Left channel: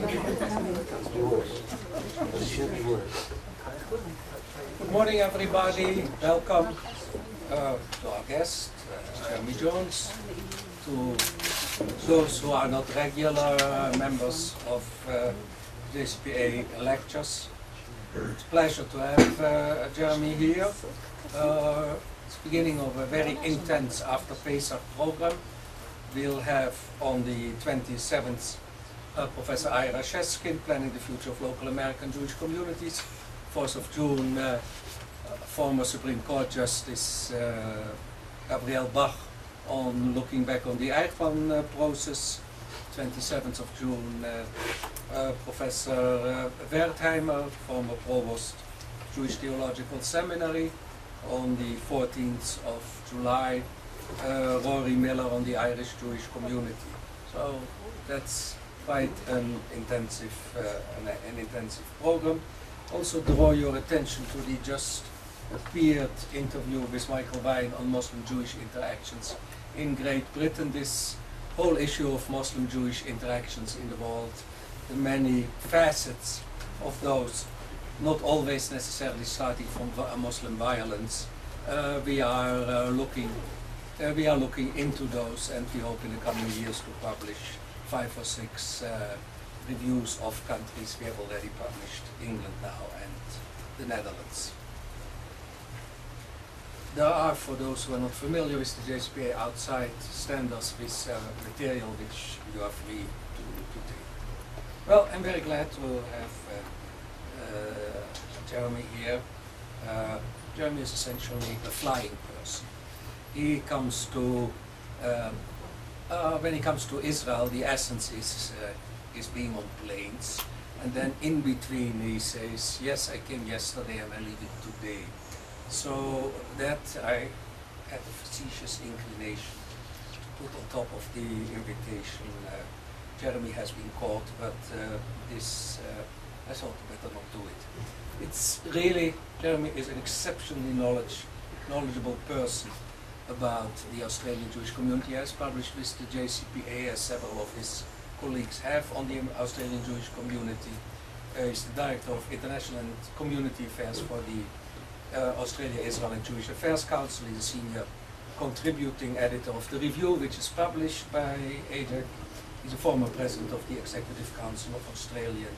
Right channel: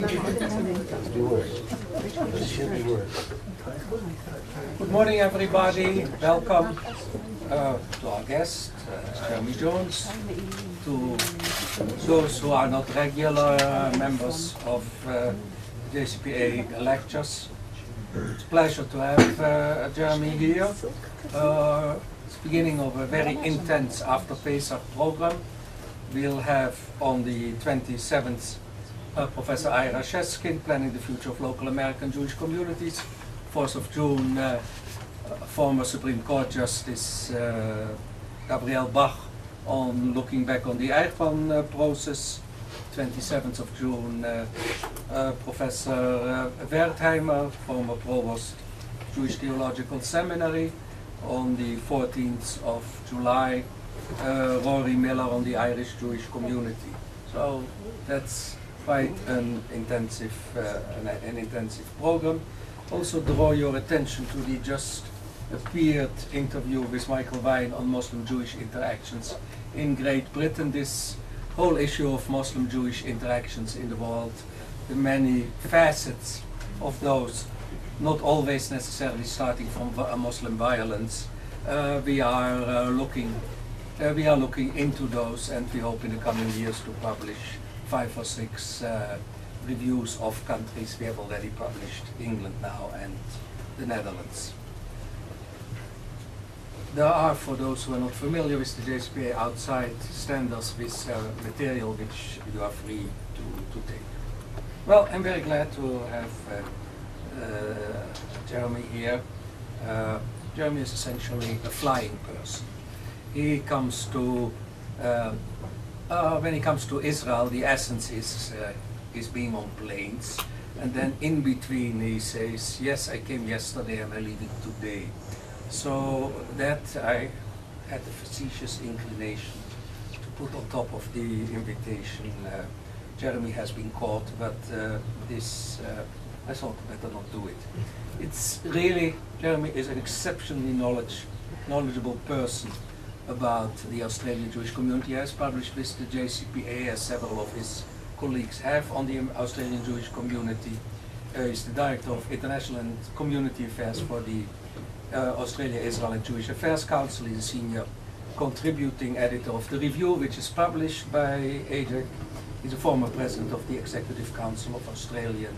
Good morning, everybody. Welcome to our guest, Jeremy Jones, to those who are not regular members of JCPA lectures. It's a pleasure to have Jeremy here. It's the beginning of a very intense after Pesach program. We'll have on the 27th Professor Ira Sheskin, Planning the Future of Local American Jewish Communities. 4th of June, former Supreme Court Justice Gabriel Bach on looking back on the Eichmann process. 27th of June, Professor Wertheimer, former Provost Jewish Theological Seminary. On the 14th of July, Rory Miller on the Irish Jewish community. So that's quite an intensive program. Also draw your attention to the just appeared interview with Michael Vine on Muslim-Jewish interactions in Great Britain. This whole issue of Muslim-Jewish interactions in the world, the many facets of those, not always necessarily starting from Muslim violence. We are looking into those, and we hope in the coming years to publish 5 or 6 reviews of countries. We have already published England now and the Netherlands. There are, for those who are not familiar with the JCPA, outside standards with material which you are free to take. Well, I'm very glad to have Jeremy here. Jeremy is essentially a flying person. He comes to when he comes to Israel, the essence is being on planes, and then in between he says, yes, I came yesterday and I leave it today. So that I had a facetious inclination to put on top of the invitation. Jeremy has been caught, but I thought better not do it. It's really, Jeremy is an exceptionally knowledgeable person about the Australian Jewish community. He has published with the JCPA, as several of his colleagues have, on the Australian Jewish community. He's the Director of International and Community Affairs for the Australia, Israel and Jewish Affairs Council. He's a senior contributing editor of the review, which is published by AJAC. He's a former president of the Executive Council of Australian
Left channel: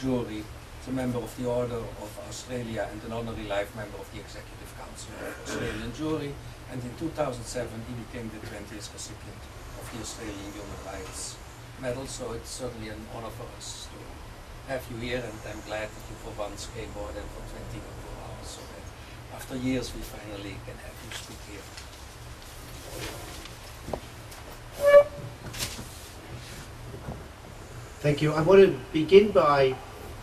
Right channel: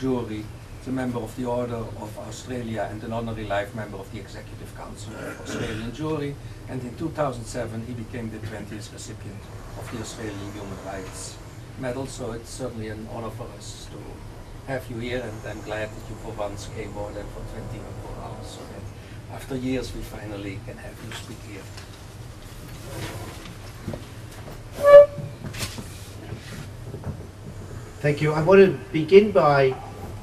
Jewry. He's a member of the Order of Australia and an Honorary Life Member of the Executive Council of Australian Jewry. And in 2007 he became the 20th recipient of the Australian Human Rights Medal. So it's certainly an honor for us to have you here, and I'm glad that you for once came more than for 24 hours, so that after years we finally can have you speak here. Thank you. I want to begin by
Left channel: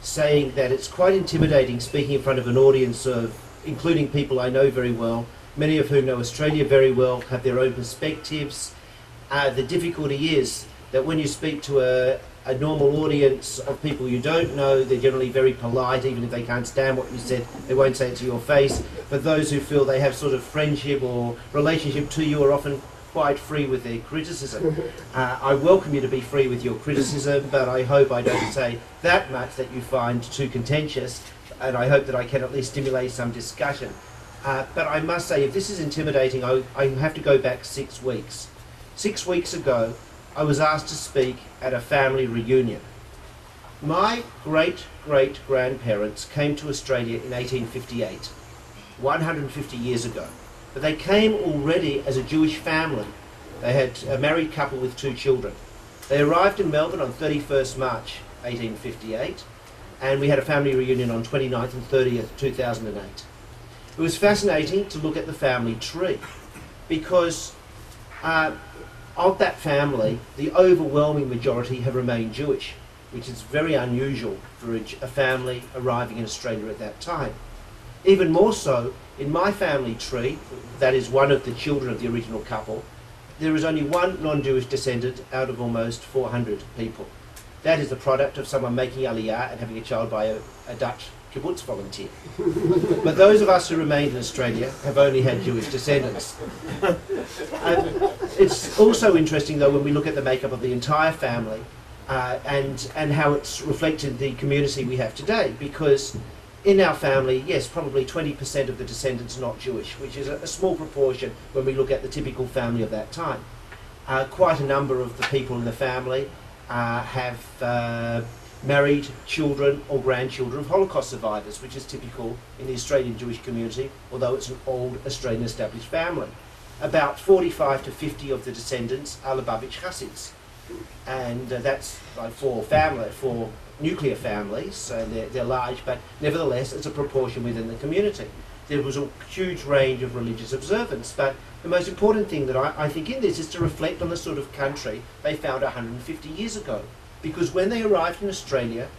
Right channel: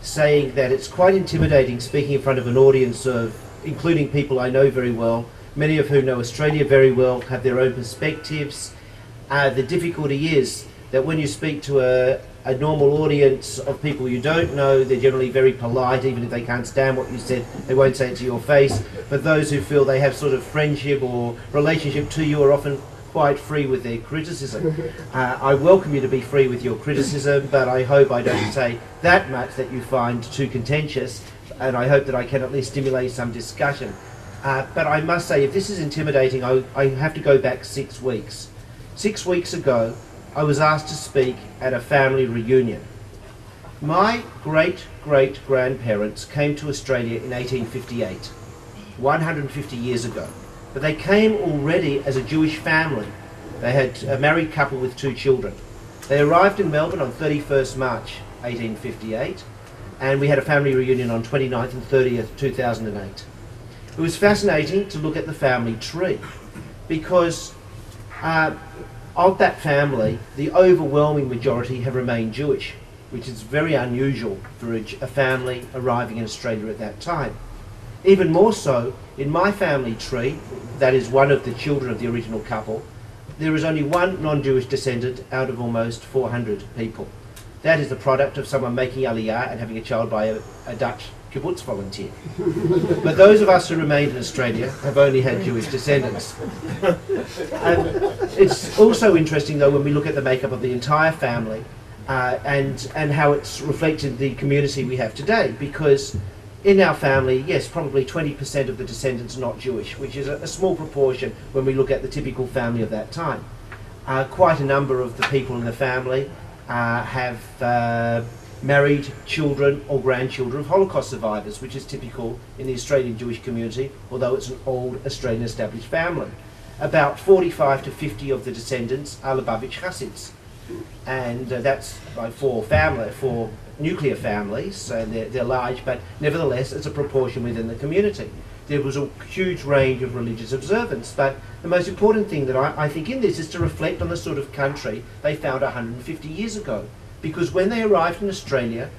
saying that it's quite intimidating speaking in front of an audience of, including people I know very well, many of whom know Australia very well, have their own perspectives. The difficulty is that when you speak to a normal audience of people you don't know, they're generally very polite. Even if they can't stand what you said, they won't say it to your face. But those who feel they have sort of friendship or relationship to you are often quite free with their criticism. I welcome you to be free with your criticism, but I hope I don't say that much that you find too contentious, and I hope that I can at least stimulate some discussion. But I must say, if this is intimidating, I have to go back 6 weeks. 6 weeks ago, I was asked to speak at a family reunion. My great-great-grandparents came to Australia in 1858, 150 years ago. But they came already as a Jewish family. They had a married couple with 2 children. They arrived in Melbourne on 31st March 1858, and we had a family reunion on 29th and 30th, 2008. It was fascinating to look at the family tree, because of that family, the overwhelming majority have remained Jewish, which is very unusual for a family arriving in Australia at that time. Even more so, in my family tree, that is one of the children of the original couple, there is only one non-Jewish descendant out of almost 400 people. That is the product of someone making Aliyah and having a child by a Dutch kibbutz volunteer. But those of us who remained in Australia have only had Jewish descendants. And it's also interesting, though, when we look at the makeup of the entire family, and how it's reflected the community we have today. Because in our family, yes, probably 20% of the descendants are not Jewish, which is a small proportion when we look at the typical family of that time. Quite a number of the people in the family have married children or grandchildren of Holocaust survivors, which is typical in the Australian Jewish community, although it's an old Australian established family. About 45 to 50 of the descendants are Lubavitch Hasids, and that's like four nuclear families, so they're large, but nevertheless it's a proportion within the community. There was a huge range of religious observance, but the most important thing that I think in this is to reflect on the sort of country they found 150 years ago. Because when they arrived in Australia,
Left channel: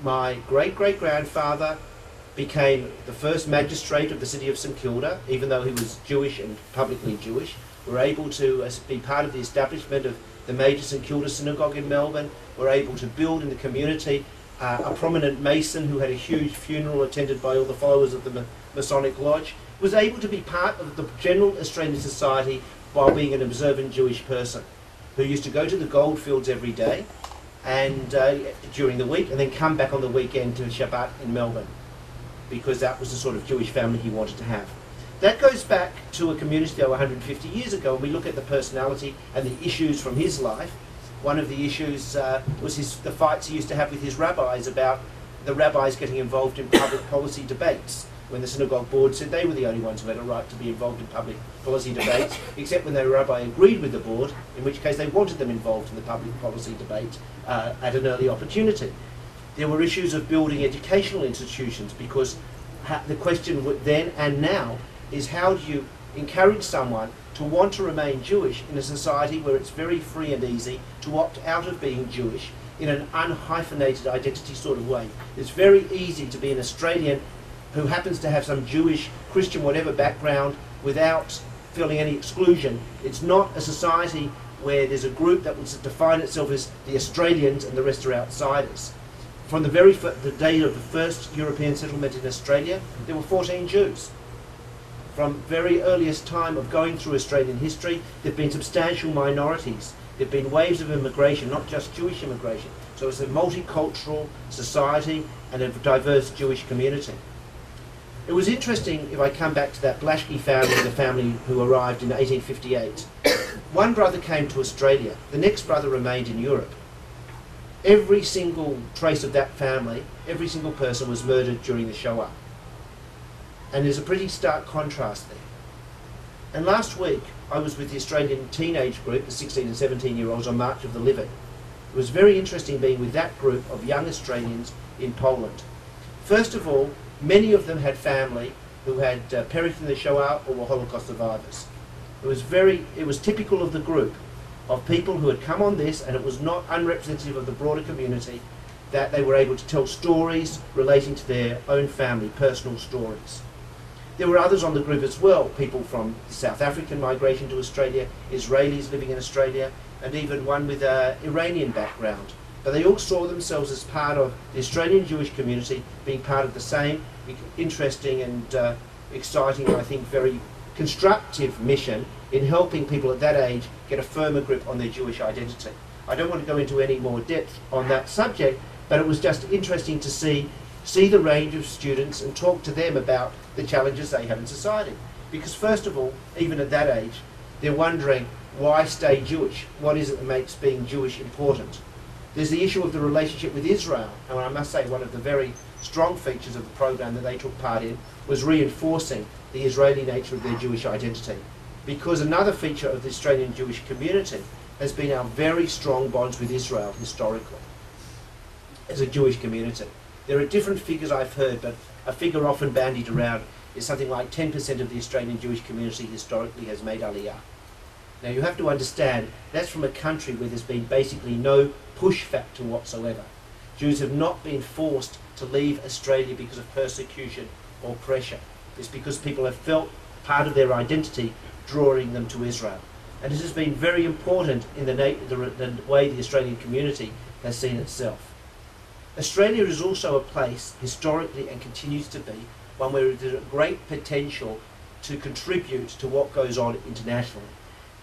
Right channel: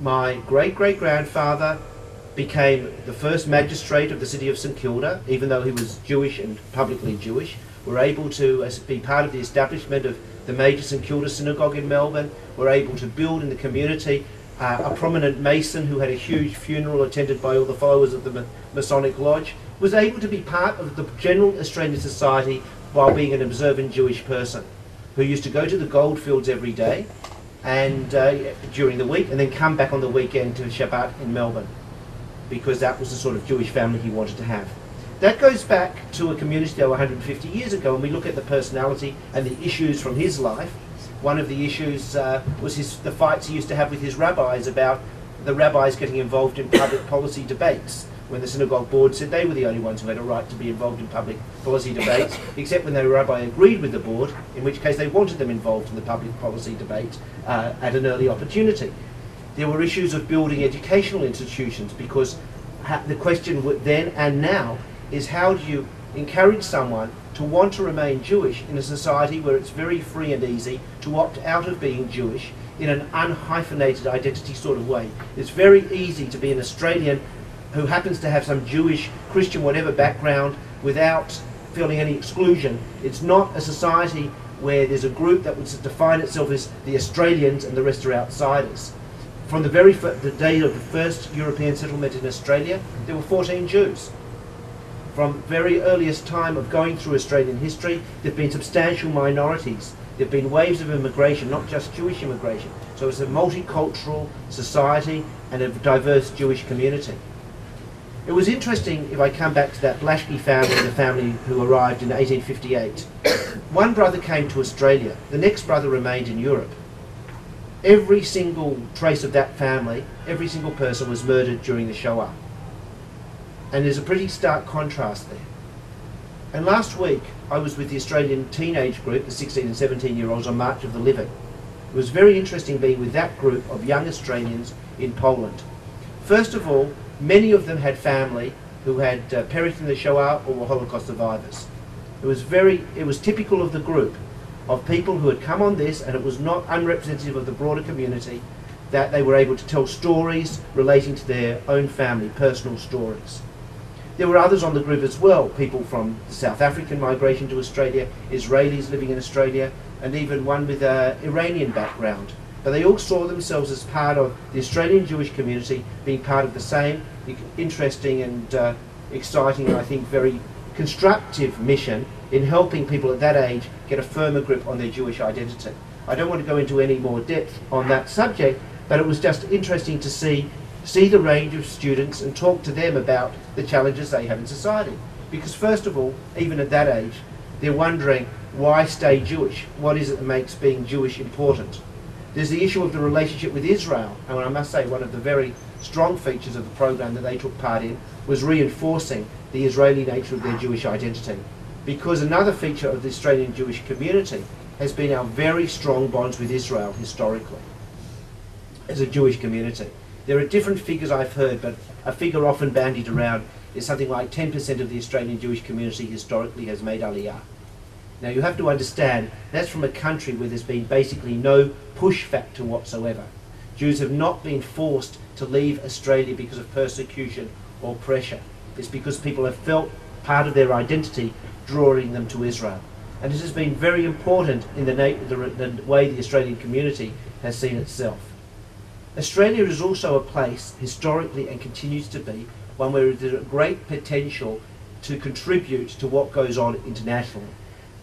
my great-great-grandfather became the first magistrate of the city of St Kilda, even though he was Jewish and publicly Jewish. Were able to be part of the establishment of the major St Kilda synagogue in Melbourne. Were able to build in the community a prominent Mason who had a huge funeral attended by all the followers of the Masonic Lodge. Was able to be part of the general Australian society while being an observant Jewish person, who used to go to the goldfields every day and during the week, and then come back on the weekend to Shabbat in Melbourne, because that was the sort of Jewish family he wanted to have. That goes back to a community that 150 years ago, and we look at the personality and the issues from his life. One of the issues was the fights he used to have with his rabbis about the rabbis getting involved in public policy debates, when the synagogue board said they were the only ones who had a right to be involved in public policy debates, except when the rabbi agreed with the board, in which case they wanted them involved in the public policy debate at an early opportunity. There were issues of building educational institutions, because the question then and now is, how do you encourage someone to want to remain Jewish in a society where it's very free and easy to opt out of being Jewish in an unhyphenated identity sort of way? It's very easy to be an Australian who happens to have some Jewish, Christian, whatever background without feeling any exclusion. It's not a society where there's a group that would define itself as the Australians and the rest are outsiders. From the day of the first European settlement in Australia, there were 14 Jews. From very earliest time of going through Australian history, there have been substantial minorities. There have been waves of immigration, not just Jewish immigration. So it's a multicultural society and a diverse Jewish community. It was interesting, if I come back to that Blaschke family, the family who arrived in 1858. One brother came to Australia, the next brother remained in Europe. Every single trace of that family, every single person was murdered during the Shoah. And there's a pretty stark contrast there. And last week, I was with the Australian teenage group, the 16 and 17-year-olds, on March of the Living. It was very interesting being with that group of young Australians in Poland. First of all, many of them had family who had perished in the Shoah or were Holocaust survivors. It was typical of the group, of people who had come on this, and it was not unrepresentative of the broader community, that they were able to tell stories relating to their own family, personal stories. There were others on the group as well, people from South African migration to Australia, Israelis living in Australia, and even one with an Iranian background. But they all saw themselves as part of the Australian Jewish community, being part of the same interesting and exciting, and I think very constructive mission in helping people at that age get a firmer grip on their Jewish identity. I don't want to go into any more depth on that subject, but it was just interesting to see the range of students and talk to them about the challenges they have in society. Because first of all, even at that age, they're wondering, why stay Jewish? What is it that makes being Jewish important? There's the issue of the relationship with Israel, and I must say one of the very strong features of the program that they took part in was reinforcing the Israeli nature of their Jewish identity. Because another feature of the Australian Jewish community has been our very strong bonds with Israel historically, as a Jewish community. There are different figures I've heard, but a figure often bandied around is something like 10% of the Australian Jewish community historically has made Aliyah. Now you have to understand, that's from a country where there's been basically no push factor whatsoever. Jews have not been forced to leave Australia because of persecution or pressure. It's because people have felt part of their identity drawing them to Israel. And this has been very important in the way the Australian community has seen itself. Australia is also a place, historically, and continues to be, one where there's a great potential to contribute to what goes on internationally.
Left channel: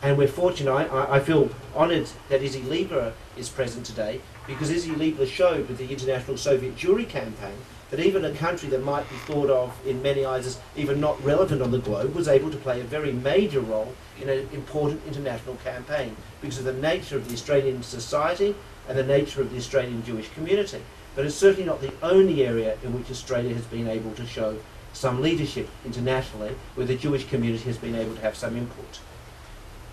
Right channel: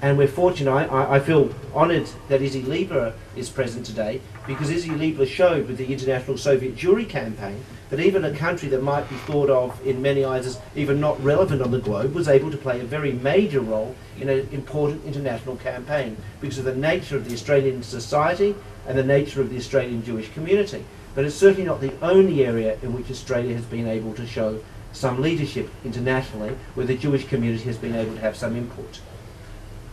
And we're fortunate, I feel honoured that Izzy Lieber is present today, because Izzy Liebler showed with the International Soviet Jewry campaign that even a country that might be thought of in many eyes as even not relevant on the globe was able to play a very major role in an important international campaign because of the nature of the Australian society and the nature of the Australian Jewish community. But it's certainly not the only area in which Australia has been able to show some leadership internationally, where the Jewish community has been able to have some input.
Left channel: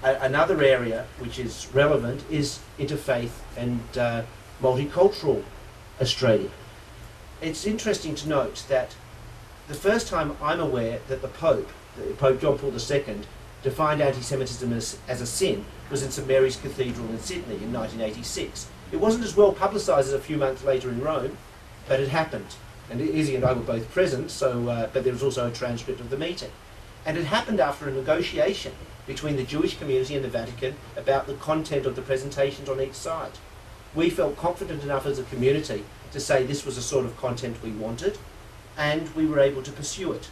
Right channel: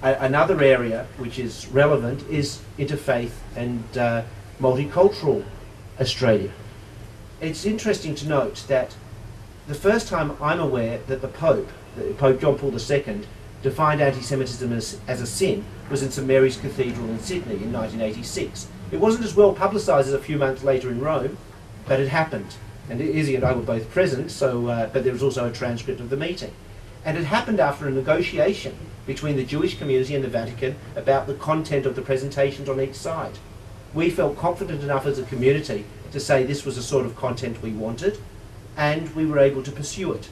Another area which is relevant is interfaith and multicultural Australia. It's interesting to note that the first time I'm aware that Pope John Paul II, defined anti-Semitism as a sin was in St Mary's Cathedral in Sydney in 1986. It wasn't as well publicised as a few months later in Rome, but it happened. And Izzy and I were both present, so, but there was also a transcript of the meeting. And it happened after a negotiation between the Jewish community and the Vatican about the content of the presentations on each side. We felt confident enough as a community to say this was the sort of content we wanted, and we were able to pursue it.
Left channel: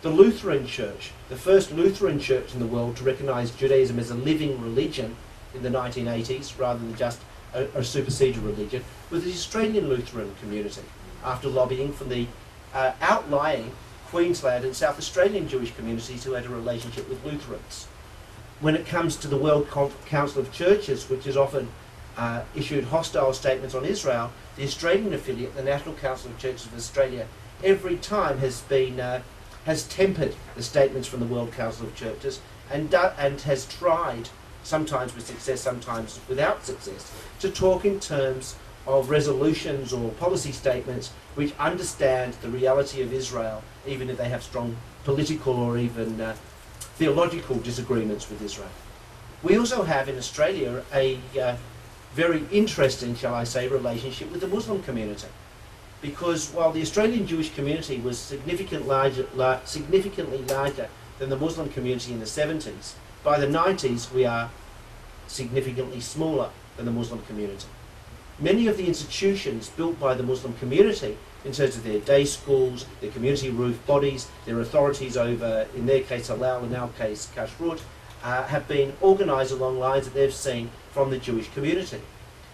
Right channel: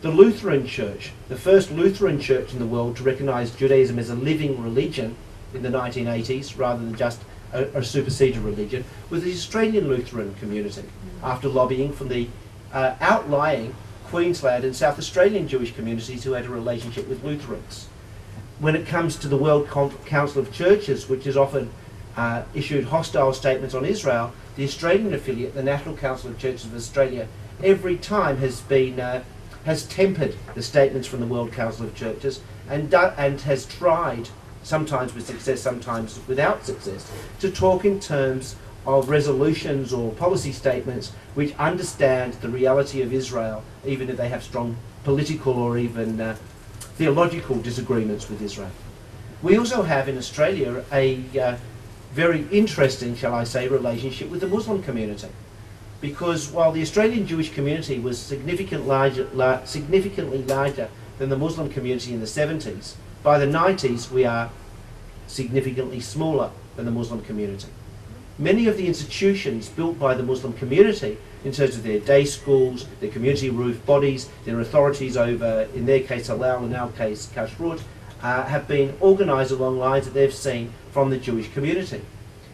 The Lutheran Church, the first Lutheran church in the world to recognise Judaism as a living religion in the 1980s, rather than just a superseded religion, was the Australian Lutheran community, after lobbying from the outlying Queensland and South Australian Jewish communities who had a relationship with Lutherans. When it comes to the World Council of Churches, which has often issued hostile statements on Israel, the Australian affiliate, the National Council of Churches of Australia, every time has tempered the statements from the World Council of Churches and has tried, sometimes with success, sometimes without success, to talk in terms of resolutions or policy statements which understand the reality of Israel, even if they have strong political or even theological disagreements with Israel. We also have in Australia a very interesting, shall I say, relationship with the Muslim community. Because while the Australian Jewish community was significantly larger than the Muslim community in the 70s, by the 90s we are significantly smaller than the Muslim community. Many of the institutions built by the Muslim community, in terms of their day schools, their community roof bodies, their authorities over, in their case, halal, in our case, kashrut, have been organised along lines that they've seen from the Jewish community.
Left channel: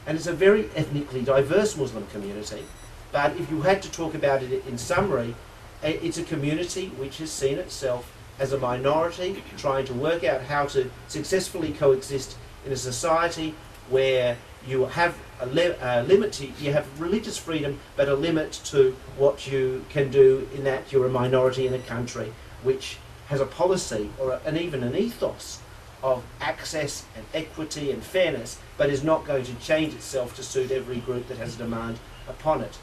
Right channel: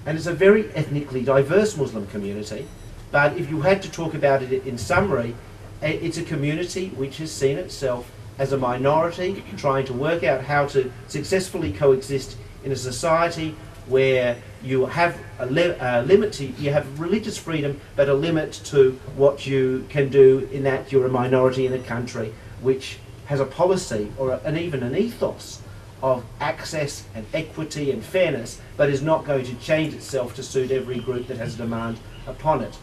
And it's a very ethnically diverse Muslim community, but if you had to talk about it in summary, it's a community which has seen itself as a minority trying to work out how to successfully coexist in a society where you have a limit to, you have religious freedom, but a limit to what you can do in that you're a minority in a country which has a policy or even an ethos of access and equity and fairness, but is not going to change itself to suit every group that has a demand upon it.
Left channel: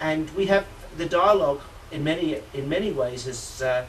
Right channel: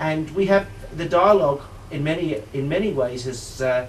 And we have the dialogue in many ways has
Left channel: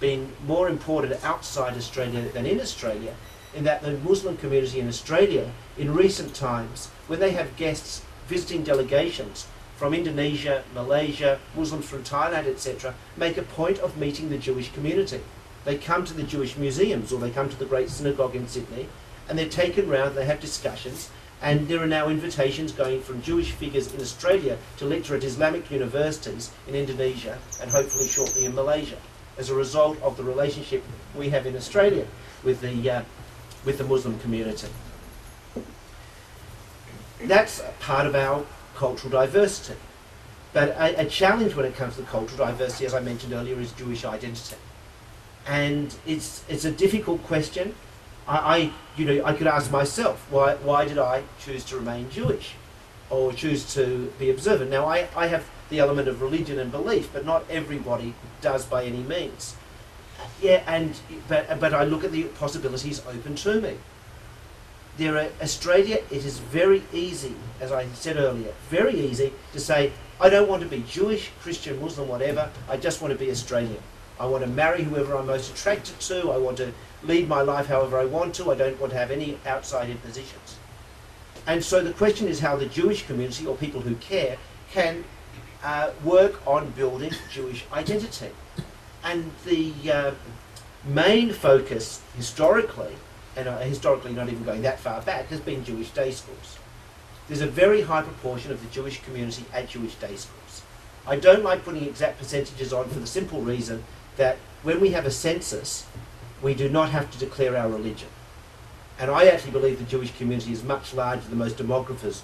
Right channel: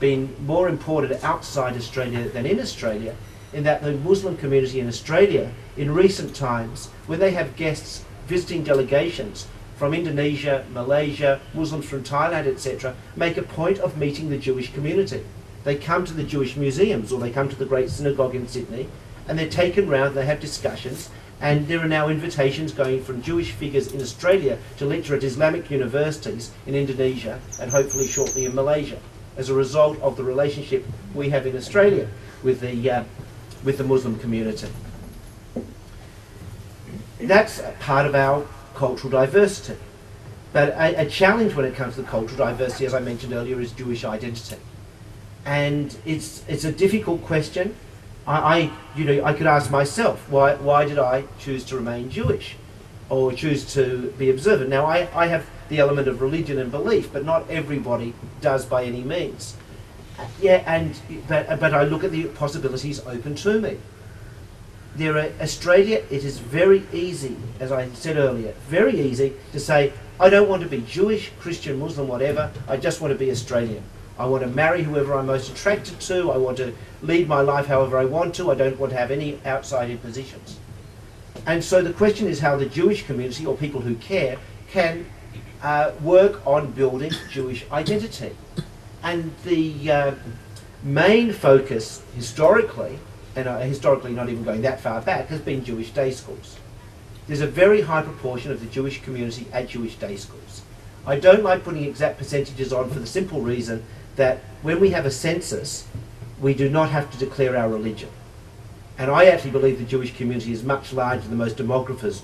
been more important outside Australia than in Australia, in that the Muslim community in Australia in recent times, when they have guests visiting delegations from Indonesia, Malaysia, Muslims from Thailand, etc., make a point of meeting the Jewish community. They come to the Jewish museums or they come to the Great Synagogue in Sydney and they're taken round, they have discussions, and there are now invitations going from Jewish figures in Australia to lecture at Islamic universities in Indonesia and hopefully shortly in Malaysia, as a result of the relationship we have in Australia with the Muslim community. That's part of our cultural diversity. But a challenge when it comes to cultural diversity, as I mentioned earlier, is Jewish identity. And it's a difficult question. I could ask myself, why did I choose to remain Jewish or choose to be observant? Now, I have the element of religion and belief, but not everybody does by any means. But I look at the possibilities open to me. Australia, it is very easy, as I said earlier, very easy to say, I don't want to be Jewish, Christian, Muslim, whatever, I just want to be Australian. I want to marry whoever I'm most attracted to, I want to lead my life however I want to, I don't want to have any outside impositions. And so the question is how the Jewish community, or people who care, can work on building Jewish identity. And the main focus historically, and historically not even going that far back, has been Jewish day schools. There's a very high proportion of the Jewish community at Jewish day schools. I don't like putting exact percentages on for the simple reason that when we have a census, we do not have to declare our religion. And I actually believe the Jewish community is much larger than most demographers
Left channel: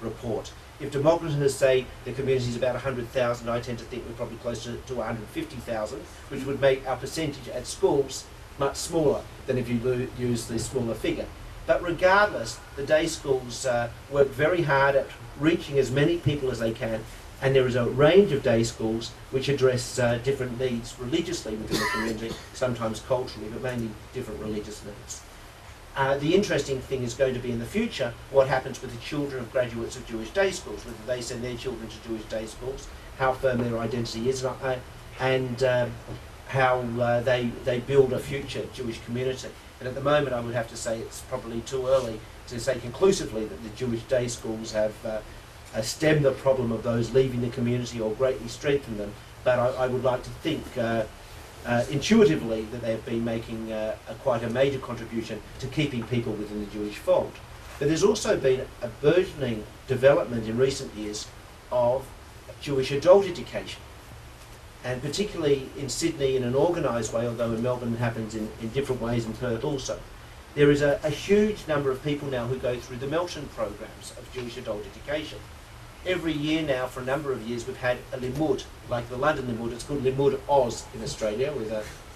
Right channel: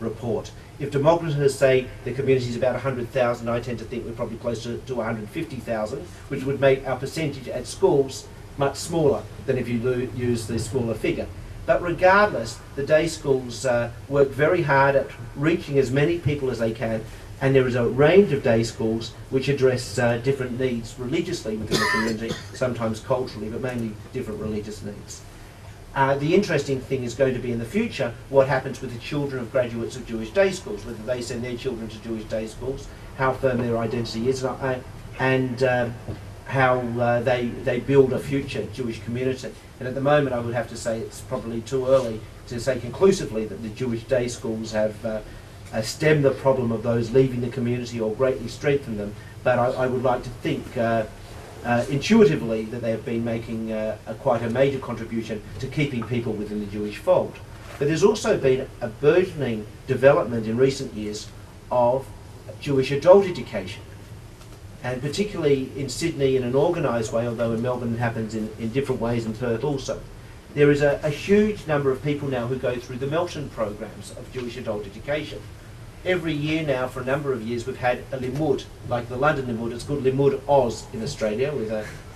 report. If demographers say the community is about 100,000, I tend to think we're probably closer to 150,000, which would make our percentage at schools much smaller than if you use the smaller figure. But regardless, the day schools work very hard at reaching as many people as they can, and there is a range of day schools which address different needs religiously within the community, sometimes culturally, but mainly different religious needs. The interesting thing is going to be in the future what happens with the children of graduates of Jewish day schools, whether they send their children to Jewish day schools, how firm their identity is, and how they build a future Jewish community. And at the moment I would have to say it's probably too early to say conclusively that the Jewish day schools have stemmed the problem of those leaving the community or greatly strengthened them, but I would like to think intuitively that they have been making quite a major contribution to keeping people within the Jewish fold. But there's also been a burgeoning development in recent years of Jewish adult education, and particularly in Sydney in an organised way, although in Melbourne it happens in different ways, in Perth also. There is a huge number of people now who go through the Melton programs of Jewish adult education. Every year now, for a number of years, we've had a limud, like the London limud. It's called Limud Oz in Australia, with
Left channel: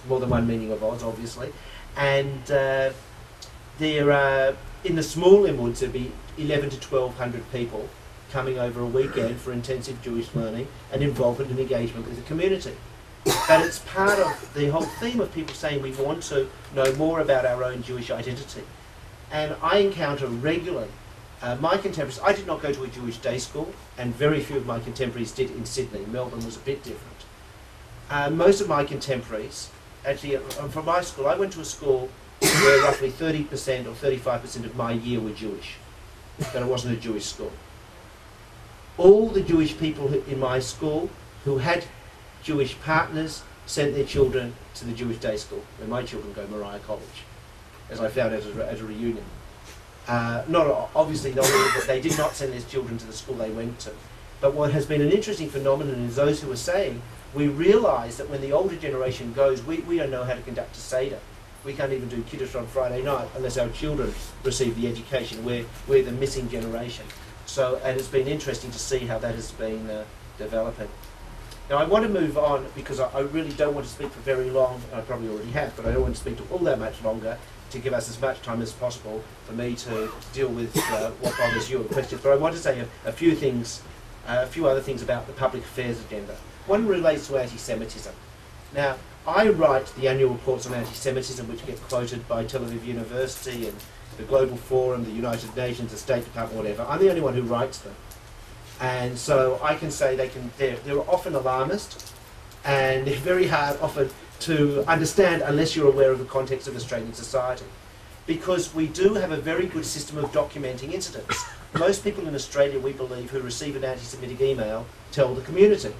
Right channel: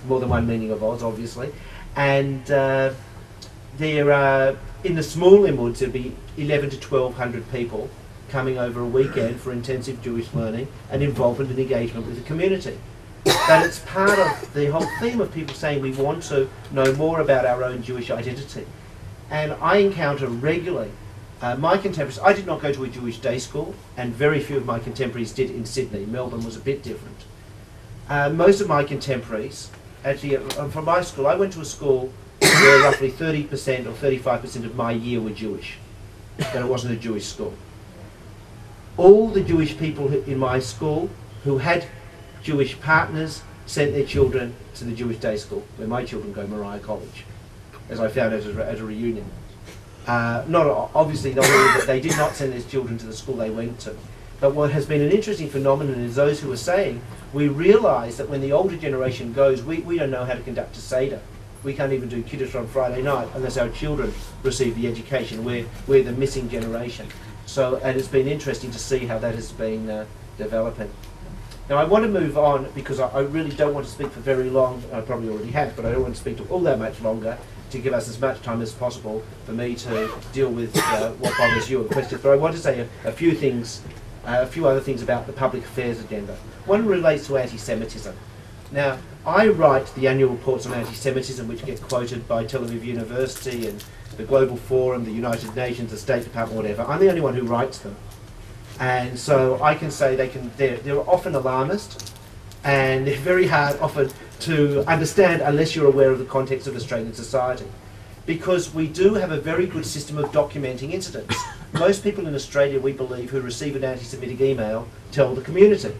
more than one meaning of Oz, obviously. And there are, in the small limuds, there'll be 11 to 1,200 people coming over a weekend for intensive Jewish learning and involvement and engagement with the community. But it's part of the whole theme of people saying we want to know more about our own Jewish identity. And I encounter regularly my contemporaries. I did not go to a Jewish day school, and very few of my contemporaries did in Sydney. Melbourne was a bit different. Most of my contemporaries, actually, from my school, I went to a school where roughly 30% or 35% of my year were Jewish, but it wasn't a Jewish school. All the Jewish people in my school who had Jewish partners sent their children to the Jewish day school, where my children go, Moriah College, as I found at a reunion. Not obviously, they did not send their children to the school they went to. But what has been an interesting phenomenon is those who are saying, we realise that when the older generation goes, we don't know how to conduct a Seder. We can't even do Kiddush on Friday night unless our children receive the education. We're the missing generation. So, and it's been interesting to see how that has been developing. Now I want to move on because I really don't want to speak for very long. I probably already have, but I don't want to speak to all that much longer, to give us as much time as possible for me to deal with what bothers you and questions. But I want to say a few things, a few other things about the public affairs agenda. One relates to anti-Semitism. Now, I write the annual reports on anti-Semitism, which get quoted by Tel Aviv University and the Global Forum, the United Nations, the State Department, whatever. I'm the only one who writes them. And so I can say they're often alarmist, and they're very hard often to understand unless you're aware of the context of Australian society. Because we do have a very good system of documenting incidents. Most people in Australia, we believe, who receive an anti-Semitic email tell the community.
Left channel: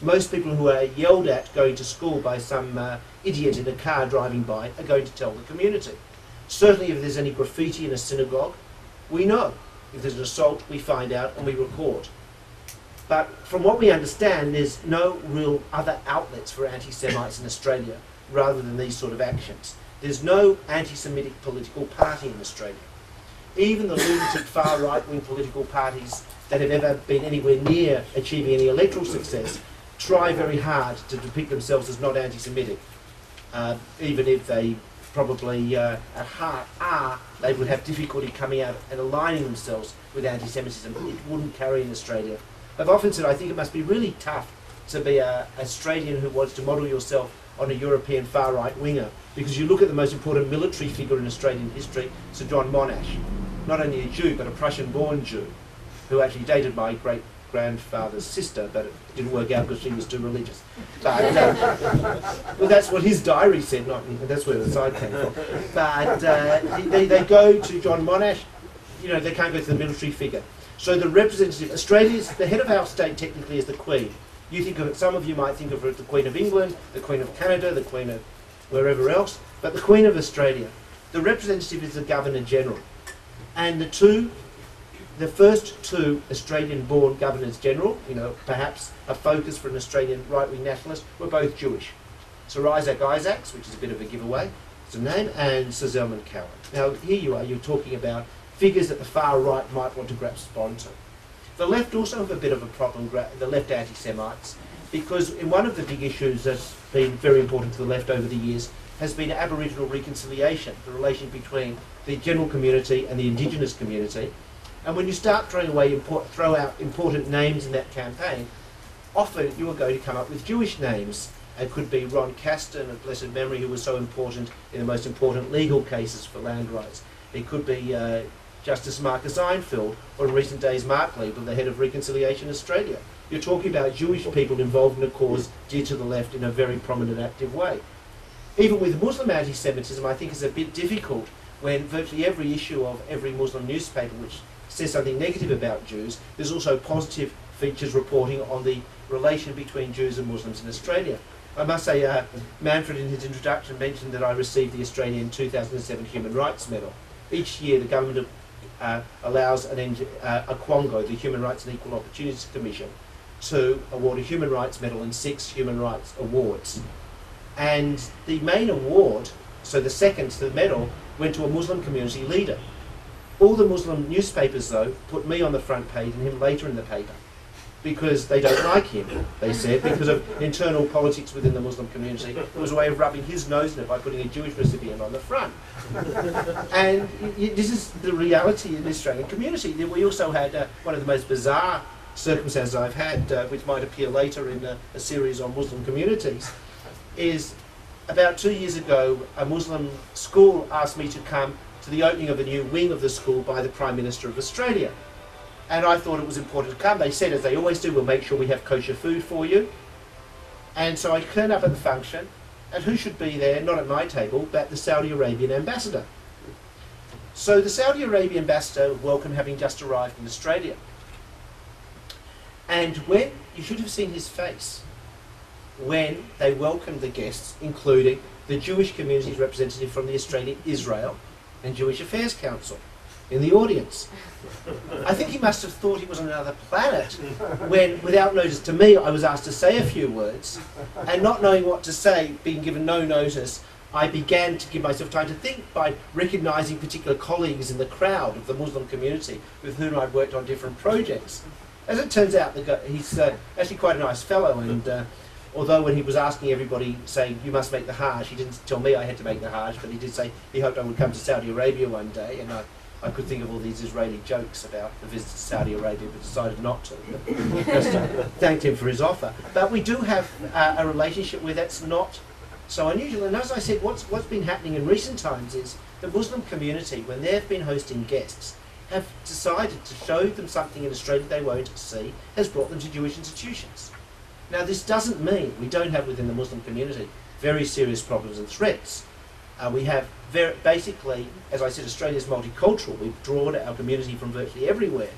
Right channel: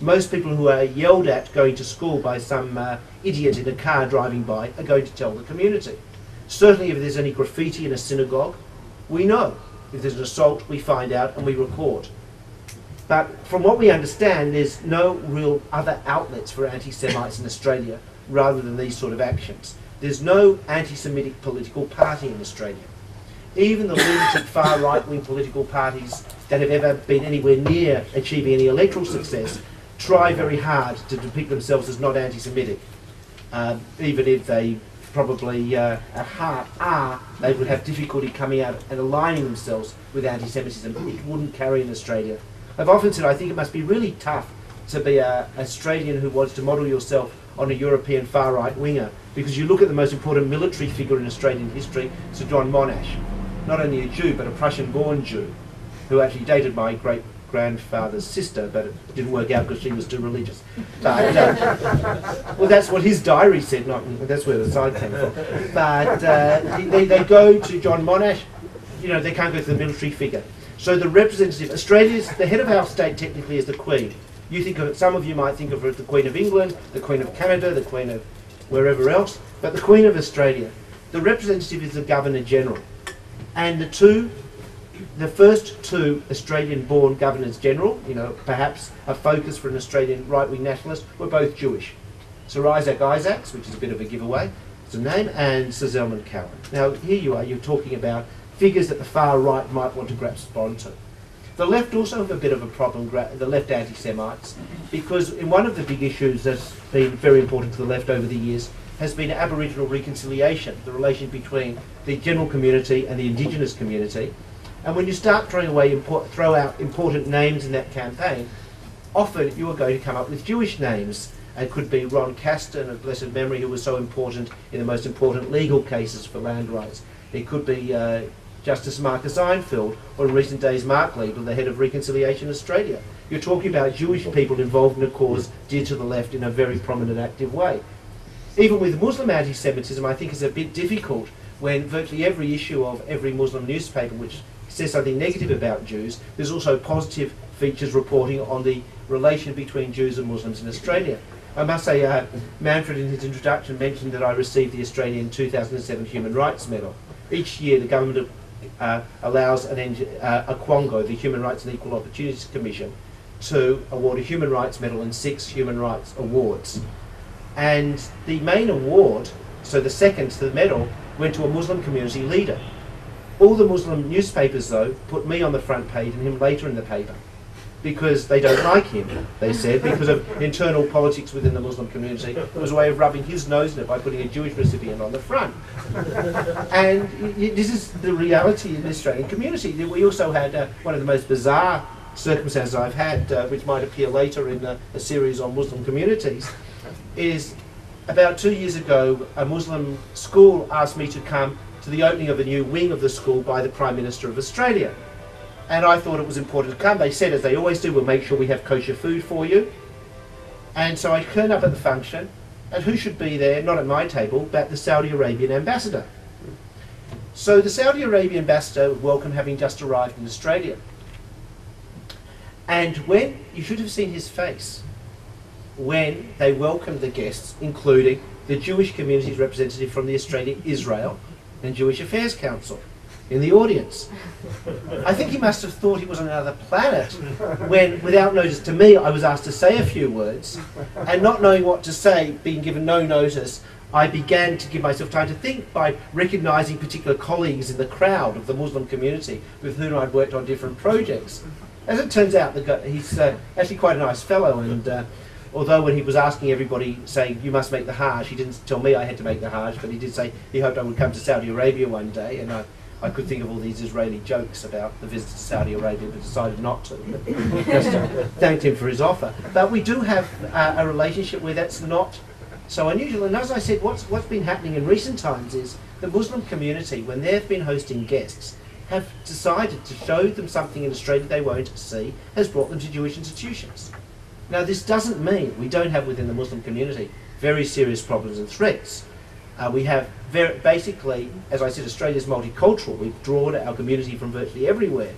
Most people who are yelled at going to school by some idiot in a car driving by are going to tell the community. Certainly if there's any graffiti in a synagogue, we know. If there's an assault, we find out and we record. But from what we understand, there's no real other outlets for anti-Semites in Australia rather than these sort of actions. There's no anti-Semitic political party in Australia. Even the lunatic far right-wing political parties that have ever been anywhere near achieving any electoral success try very hard to depict themselves as not anti-Semitic, even if they probably at heart are, they would have difficulty coming out and aligning themselves with anti-Semitism. It wouldn't carry in Australia. I've often said I think it must be really tough to be an Australian who wants to model yourself on a European far-right winger, because you look at the most important military figure in Australian history, Sir John Monash, not only a Jew but a Prussian-born Jew, who actually dated my great-grandfather's sister, but it didn't work out because she was too religious. But, well, that's what his diary said, that's where the side came from. But they go to John Monash, you know, they can't go to the military figure. So the representative, Australia's, the head of our state technically is the Queen. You think of it, some of you might think of her as the Queen of England, the Queen of Canada, the Queen of wherever else, but the Queen of Australia. The representative is the Governor-General. And the first two Australian-born Governors-General, you know, perhaps a focus for an Australian right-wing nationalist, were both Jewish. Sir Isaac Isaacs, which is a bit of a giveaway, is a name, and Sir Zelman Cowen. Now, here you are, you're talking about figures that the far right might want to grasp onto. The left also have a bit of a problem, the left anti-Semites, because in one of the big issues that's been very important to the left over the years has been Aboriginal reconciliation, the relation between the general community and the Indigenous community. And when you start throw out important names in that campaign, often you are going to come up with Jewish names. It could be Ron Caston, of blessed memory, who was so important in the most important legal cases for land rights. It could be Justice Marcus Einfeld, or in recent days Mark Liebel, the head of Reconciliation Australia. You're talking about Jewish people involved in a cause dear to the left in a very prominent, active way. Even with Muslim anti-Semitism, I think it's a bit difficult when virtually every issue of every Muslim newspaper which says something negative about Jews, there's also positive features reporting on the relation between Jews and Muslims in Australia. I must say, Manfred in his introduction mentioned that I received the Australian 2007 Human Rights Medal. Each year the government allows a Quongo, the Human Rights and Equal Opportunities Commission, to award a Human Rights Medal and 6 Human Rights Awards. And the main award, so the second to the medal, went to a Muslim community leader. All the Muslim newspapers, though, put me on the front page and him later in the paper, because they don't like him, they said, because of internal politics within the Muslim community. It was a way of rubbing his nose in it by putting a Jewish recipient on the front. And this is the reality in the Australian community. We also had one of the most bizarre circumstances I've had, which might appear later in a series on Muslim communities, is about 2 years ago, a Muslim school asked me to come to the opening of a new wing of the school by the Prime Minister of Australia. And I thought it was important to come. They said, as they always do, we'll make sure we have kosher food for you. And so I turned up at the function, and who should be there, not at my table, but the Saudi Arabian ambassador. So the Saudi Arabian ambassador welcome having just arrived in Australia. And when, you should have seen his face, when they welcomed the guests, including the Jewish community's representative from the Australian Israel and Jewish Affairs Council in the audience. I think he must have thought he was on another planet when, without notice to me, I was asked to say a few words, and not knowing what to say, being given no notice, I began to give myself time to think by recognising particular colleagues in the crowd of the Muslim community with whom I'd worked on different projects. As it turns out, he's actually quite a nice fellow, and although when he was asking everybody, saying, you must make the Hajj, he didn't tell me I had to make the Hajj, but he did say he hoped I would come to Saudi Arabia one day, and I could think of all these Israeli jokes about the visit to Saudi Arabia, but decided not to. Just thanked him for his offer. But we do have a relationship where that's not so unusual. And as I said, what's been happening in recent times is the Muslim community, when they've been hosting guests, have decided to show them something in Australia they won't see, has brought them to Jewish institutions. Now, this doesn't mean we don't have within the Muslim community very serious problems and threats. We have basically, as I said, Australia's multicultural. We've drawn our community from virtually everywhere,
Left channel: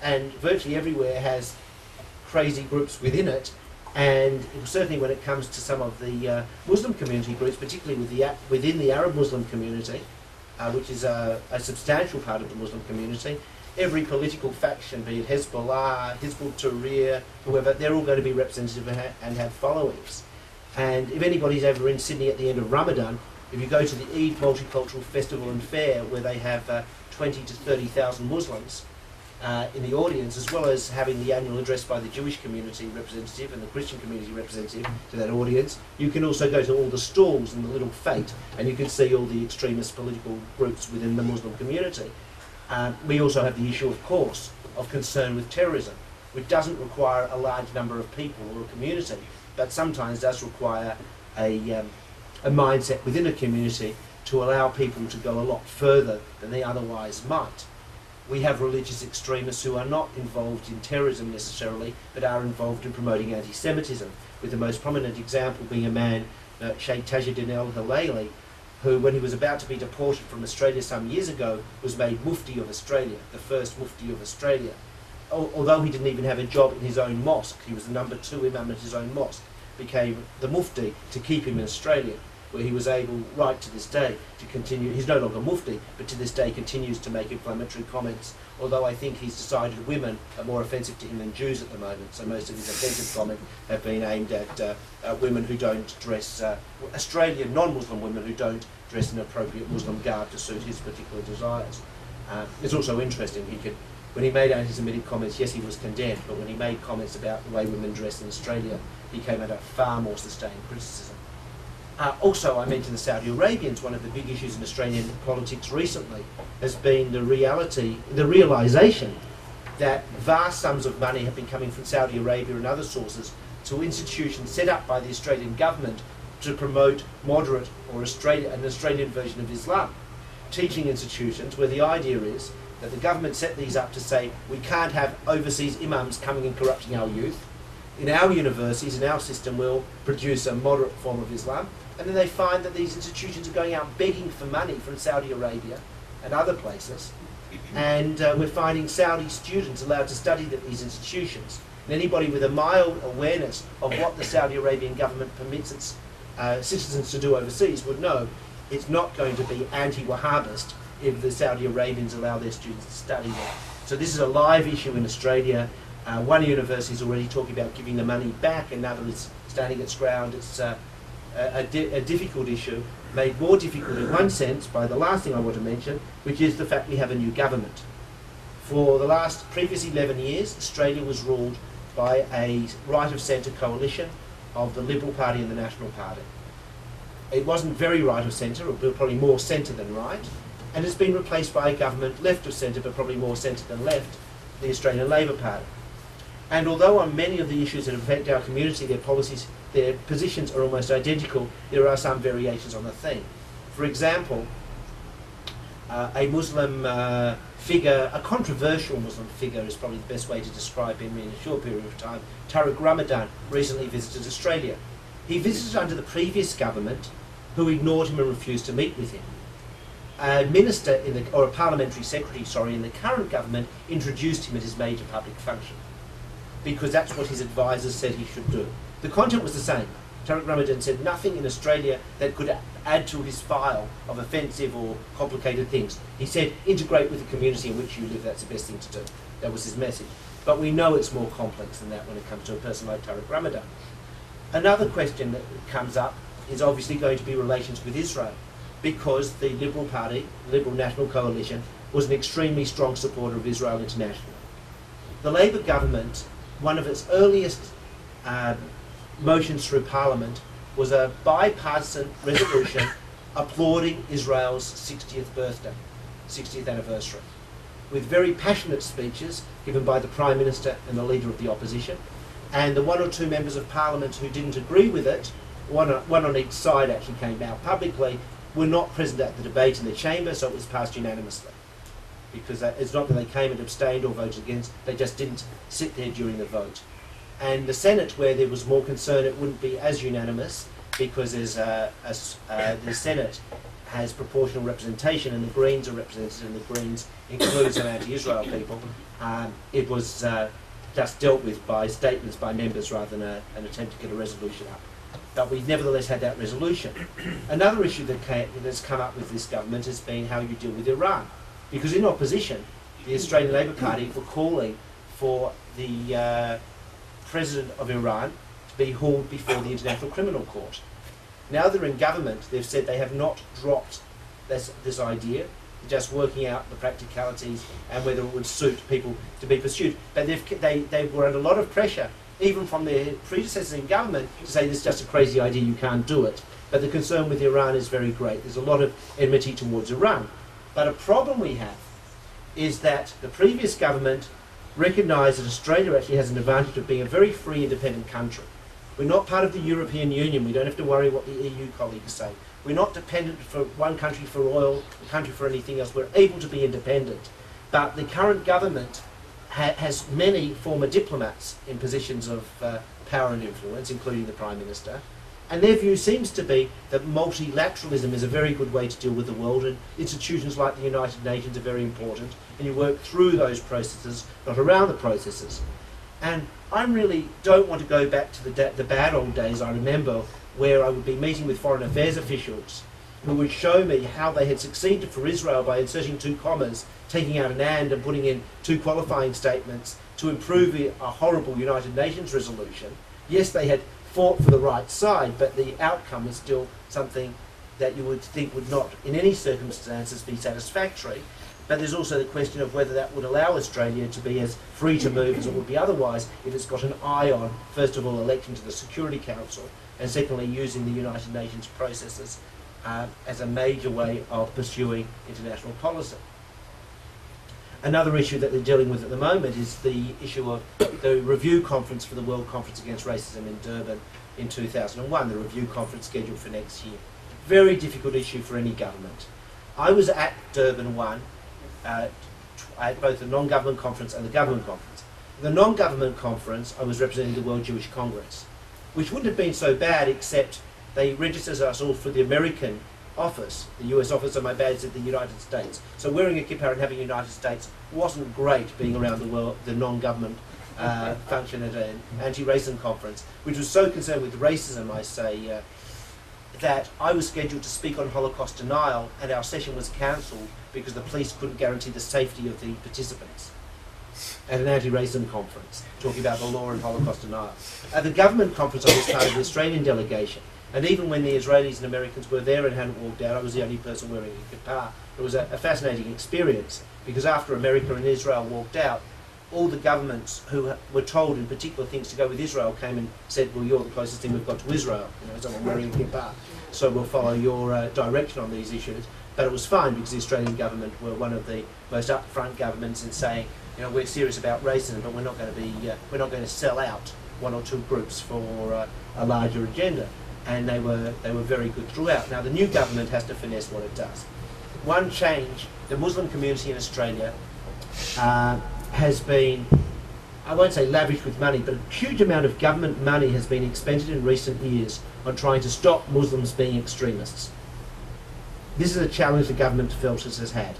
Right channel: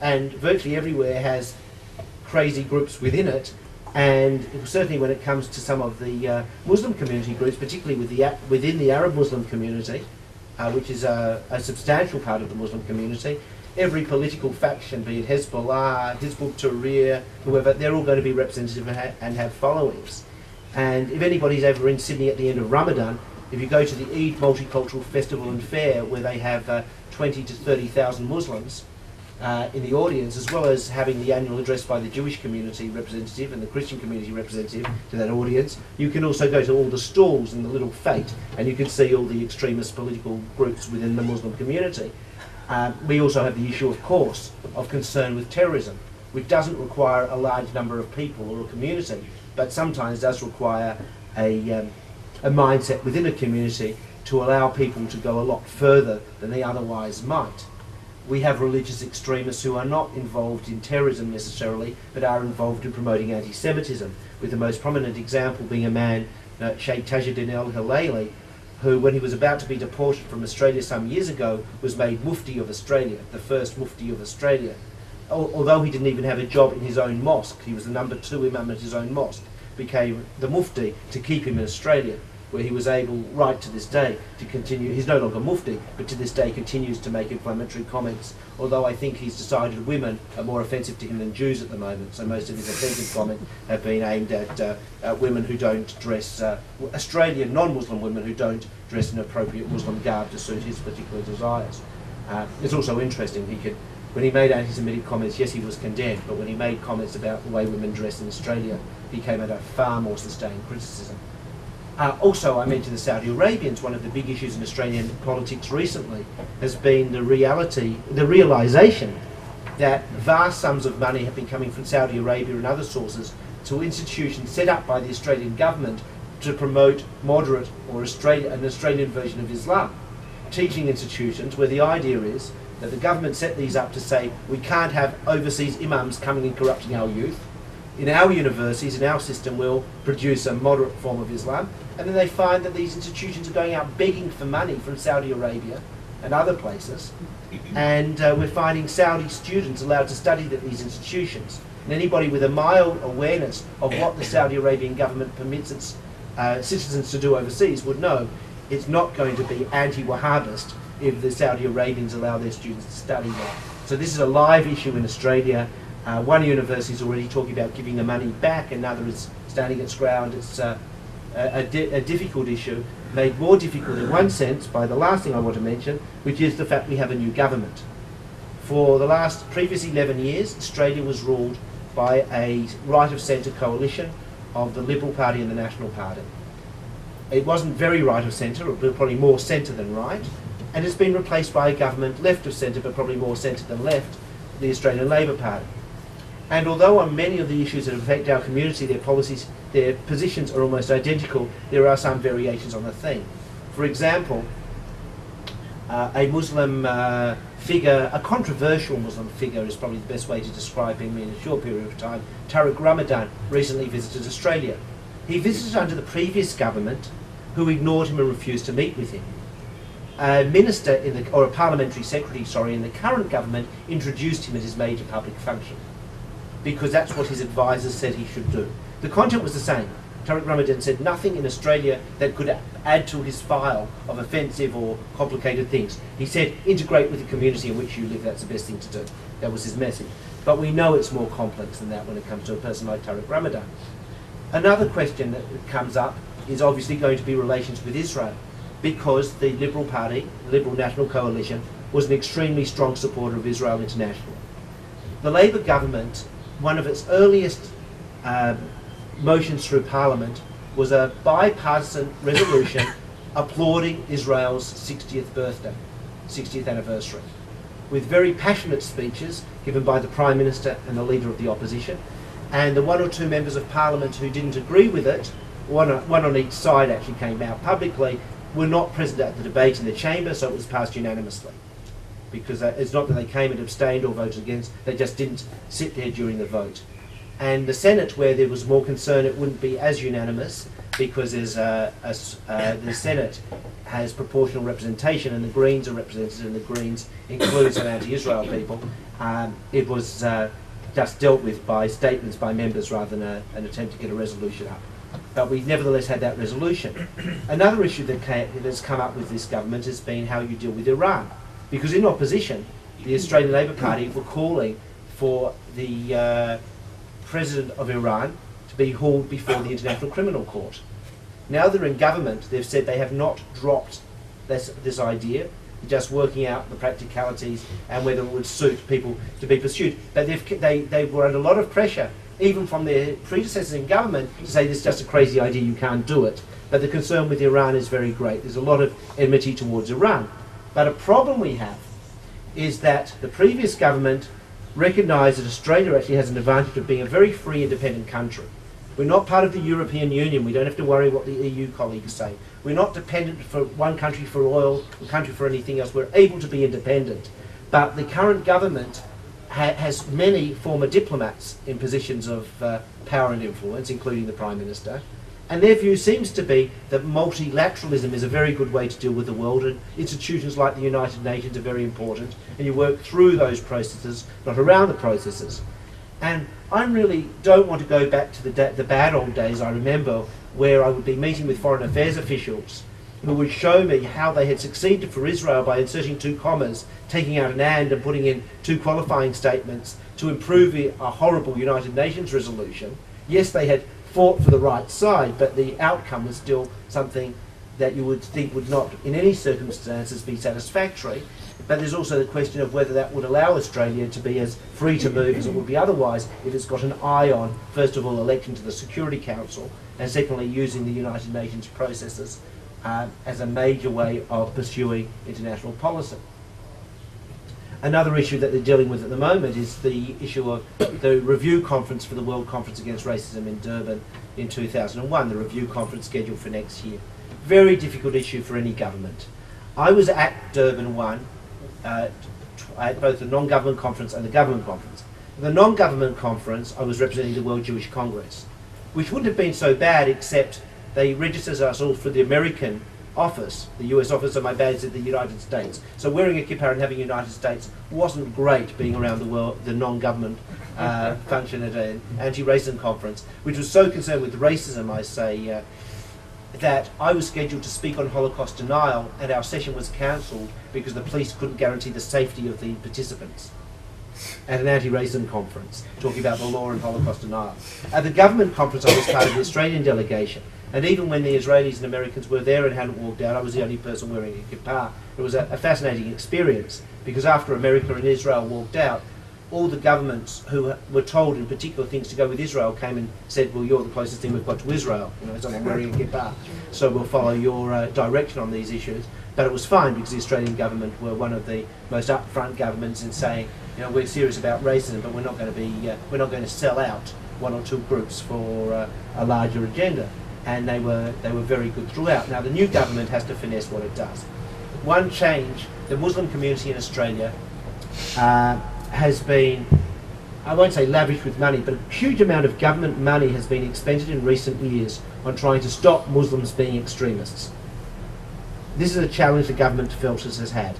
and virtually everywhere has crazy groups within it. And certainly when it comes to some of the Muslim community groups, particularly within the Arab Muslim community, which is a substantial part of the Muslim community, every political faction, be it Hezbollah, Hizb ut-Tahrir, whoever, they're all going to be representative and have followings. And if anybody's ever in Sydney at the end of Ramadan, if you go to the Eid Multicultural Festival and Fair, where they have 20 to 30,000 Muslims in the audience, as well as having the annual address by the Jewish community representative and the Christian community representative to that audience, you can also go to all the stalls in the little fete, and you can see all the extremist political groups within the Muslim community. We also have the issue, of course, of concern with terrorism, which doesn't require a large number of people or a community, but sometimes does require a mindset within a community to allow people to go a lot further than they otherwise might. We have religious extremists who are not involved in terrorism necessarily, but are involved in promoting anti-Semitism, with the most prominent example being a man, Sheikh Tajuddin al-Hilaili, who, when he was about to be deported from Australia some years ago, was made Mufti of Australia, the first Mufti of Australia. Although he didn't even have a job in his own mosque, he was the number 2 imam at his own mosque, became the Mufti to keep him in Australia, where he was able, right to this day, to continue. He's no longer Mufti, but to this day continues to make inflammatory comments, although I think he's decided women are more offensive to him than Jews at the moment, so most of his offensive comments have been aimed at women who don't dress, Australian non-Muslim women who don't dress in appropriate Muslim garb to suit his particular desires. It's also interesting, when he made anti-Semitic comments, yes, he was condemned, but when he made comments about the way women dress in Australia, he came under far more sustained criticism. Also, I mentioned the Saudi Arabians. One of the big issues in Australian politics recently has been the realisation that vast sums of money have been coming from Saudi Arabia and other sources to institutions set up by the Australian government to promote moderate or an Australian version of Islam. Teaching institutions where the idea is that the government set these up to say we can't have overseas imams coming and corrupting our youth. In our universities, in our system, we'll produce a moderate form of Islam. And then they find that these institutions are going out begging for money from Saudi Arabia and other places. And we're finding Saudi students allowed to study at these institutions. And anybody with a mild awareness of what the Saudi Arabian government permits its citizens to do overseas would know it's not going to be anti-Wahhabist if the Saudi Arabians allow their students to study there. So this is a live issue in Australia. One university is already talking about giving the money back, another is standing its ground. It's a difficult issue, made more difficult in one sense by the last thing I want to mention, which is the fact we have a new government. For the previous 11 years, Australia was ruled by a right-of-centre coalition of the Liberal Party and the National Party. It wasn't very right-of-centre, it was probably more centre than right, and it's been replaced by a government left-of-centre, but probably more centre than left, the Australian Labor Party. And although on many of the issues that affect our community, their positions are almost identical, there are some variations on the theme. For example, a Muslim figure, a controversial Muslim figure is probably the best way to describe him in a short period of time, Tariq Ramadan, recently visited Australia. He visited under the previous government, who ignored him and refused to meet with him. A minister, or a parliamentary secretary, in the current government introduced him at his major public function, because that's what his advisors said he should do. The content was the same. Tariq Ramadan said nothing in Australia that could add to his file of offensive or complicated things. He said, integrate with the community in which you live, that's the best thing to do. That was his message. But we know it's more complex than that when it comes to a person like Tariq Ramadan. Another question that comes up is obviously going to be relations with Israel, because the Liberal Party, the Liberal National Coalition, was an extremely strong supporter of Israel internationally. The Labor government, one of its earliest motions through Parliament was a bipartisan resolution applauding Israel's 60th anniversary, with very passionate speeches given by the Prime Minister and the Leader of the Opposition. And the one or two members of Parliament who didn't agree with it, one on each side actually came out publicly, were not present at the debate in the chamber, so it was passed unanimously. Because it's not that they came and abstained or voted against, they just didn't sit there during the vote. And the Senate, where there was more concern it wouldn't be as unanimous, because the Senate has proportional representation and the Greens are represented, and the Greens include some anti-Israel people, it was just dealt with by statements by members rather than an attempt to get a resolution up. But we nevertheless had that resolution. Another issue that's come up with this government has been how you deal with Iran. Because in opposition, the Australian Labor Party were calling for the President of Iran to be hauled before the International Criminal Court. Now they're in government, they've said they have not dropped this idea, just working out the practicalities and whether it would suit people to be pursued. But they were under a lot of pressure, even from their predecessors in government, to say this is just a crazy idea, you can't do it. But the concern with Iran is very great. There's a lot of enmity towards Iran. But a problem we have is that the previous government recognised that Australia actually has an advantage of being a very free, independent country. We're not part of the European Union. We don't have to worry what the EU colleagues say. We're not dependent for one country for oil, a country for anything else. We're able to be independent. But the current government has many former diplomats in positions of power and influence, including the Prime Minister. And their view seems to be that multilateralism is a very good way to deal with the world, and institutions like the United Nations are very important, and you work through those processes, not around the processes. And I really don't want to go back to the bad old days I remember, where I would be meeting with foreign affairs officials who would show me how they had succeeded for Israel by inserting 2 commas, taking out an and putting in 2 qualifying statements to improve a horrible United Nations resolution. Yes, they had fought for the right side, but the outcome was still something that you would think would not, in any circumstances, be satisfactory. But there's also the question of whether that would allow Australia to be as free to move as it would be otherwise if it's got an eye on, first of all, election to the Security Council, and secondly, using the United Nations processes as a major way of pursuing international policy. Another issue that they're dealing with at the moment is the issue of the review conference for the World Conference Against Racism in Durban in 2001, the review conference scheduled for next year. Very difficult issue for any government. I was at Durban 1, at both the non-government conference and the government conference. The non-government conference, I was representing the World Jewish Congress, which wouldn't have been so bad except they registered us all for the American office, the US office, and my badge at the United States. So wearing a kippah and having United States wasn't great being around the world, the non-government function at an anti-racism conference, which was so concerned with racism, I say, that I was scheduled to speak on Holocaust denial, and our session was cancelled because the police couldn't guarantee the safety of the participants at an anti-racism conference, talking about the law and Holocaust denial. At the government conference, I was part of the Australian delegation, and even when the Israelis and Americans were there and hadn't walked out, I was the only person wearing a kippah. It was a fascinating experience, because after America and Israel walked out, all the governments who were told in particular things to go with Israel came and said, well, you're the closest thing we've got to Israel, someone wearing a kippah, so we'll follow your direction on these issues. But it was fine because the Australian government were one of the most upfront governments in saying, we're serious about racism, but we're not going to sell out one or two groups for a larger agenda. And they were very good throughout. Now the new government has to finesse what it does. One change, the Muslim community in Australia has been, I won't say lavish with money, but a huge amount of government money has been expended in recent years on trying to stop Muslims being extremists. This is a challenge the government felt it has had.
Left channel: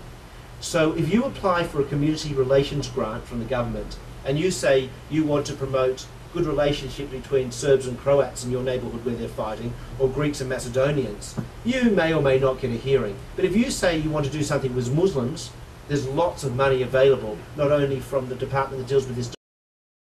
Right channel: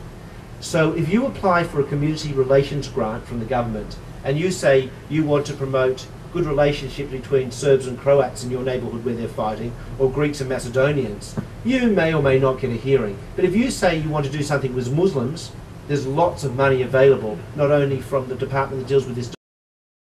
So if you apply for a community relations grant from the government and you say you want to promote good relationship between Serbs and Croats in your neighbourhood where they're fighting, or Greeks and Macedonians, you may or may not get a hearing. But if you say you want to do something with Muslims, there's lots of money available, not only from the department that deals with this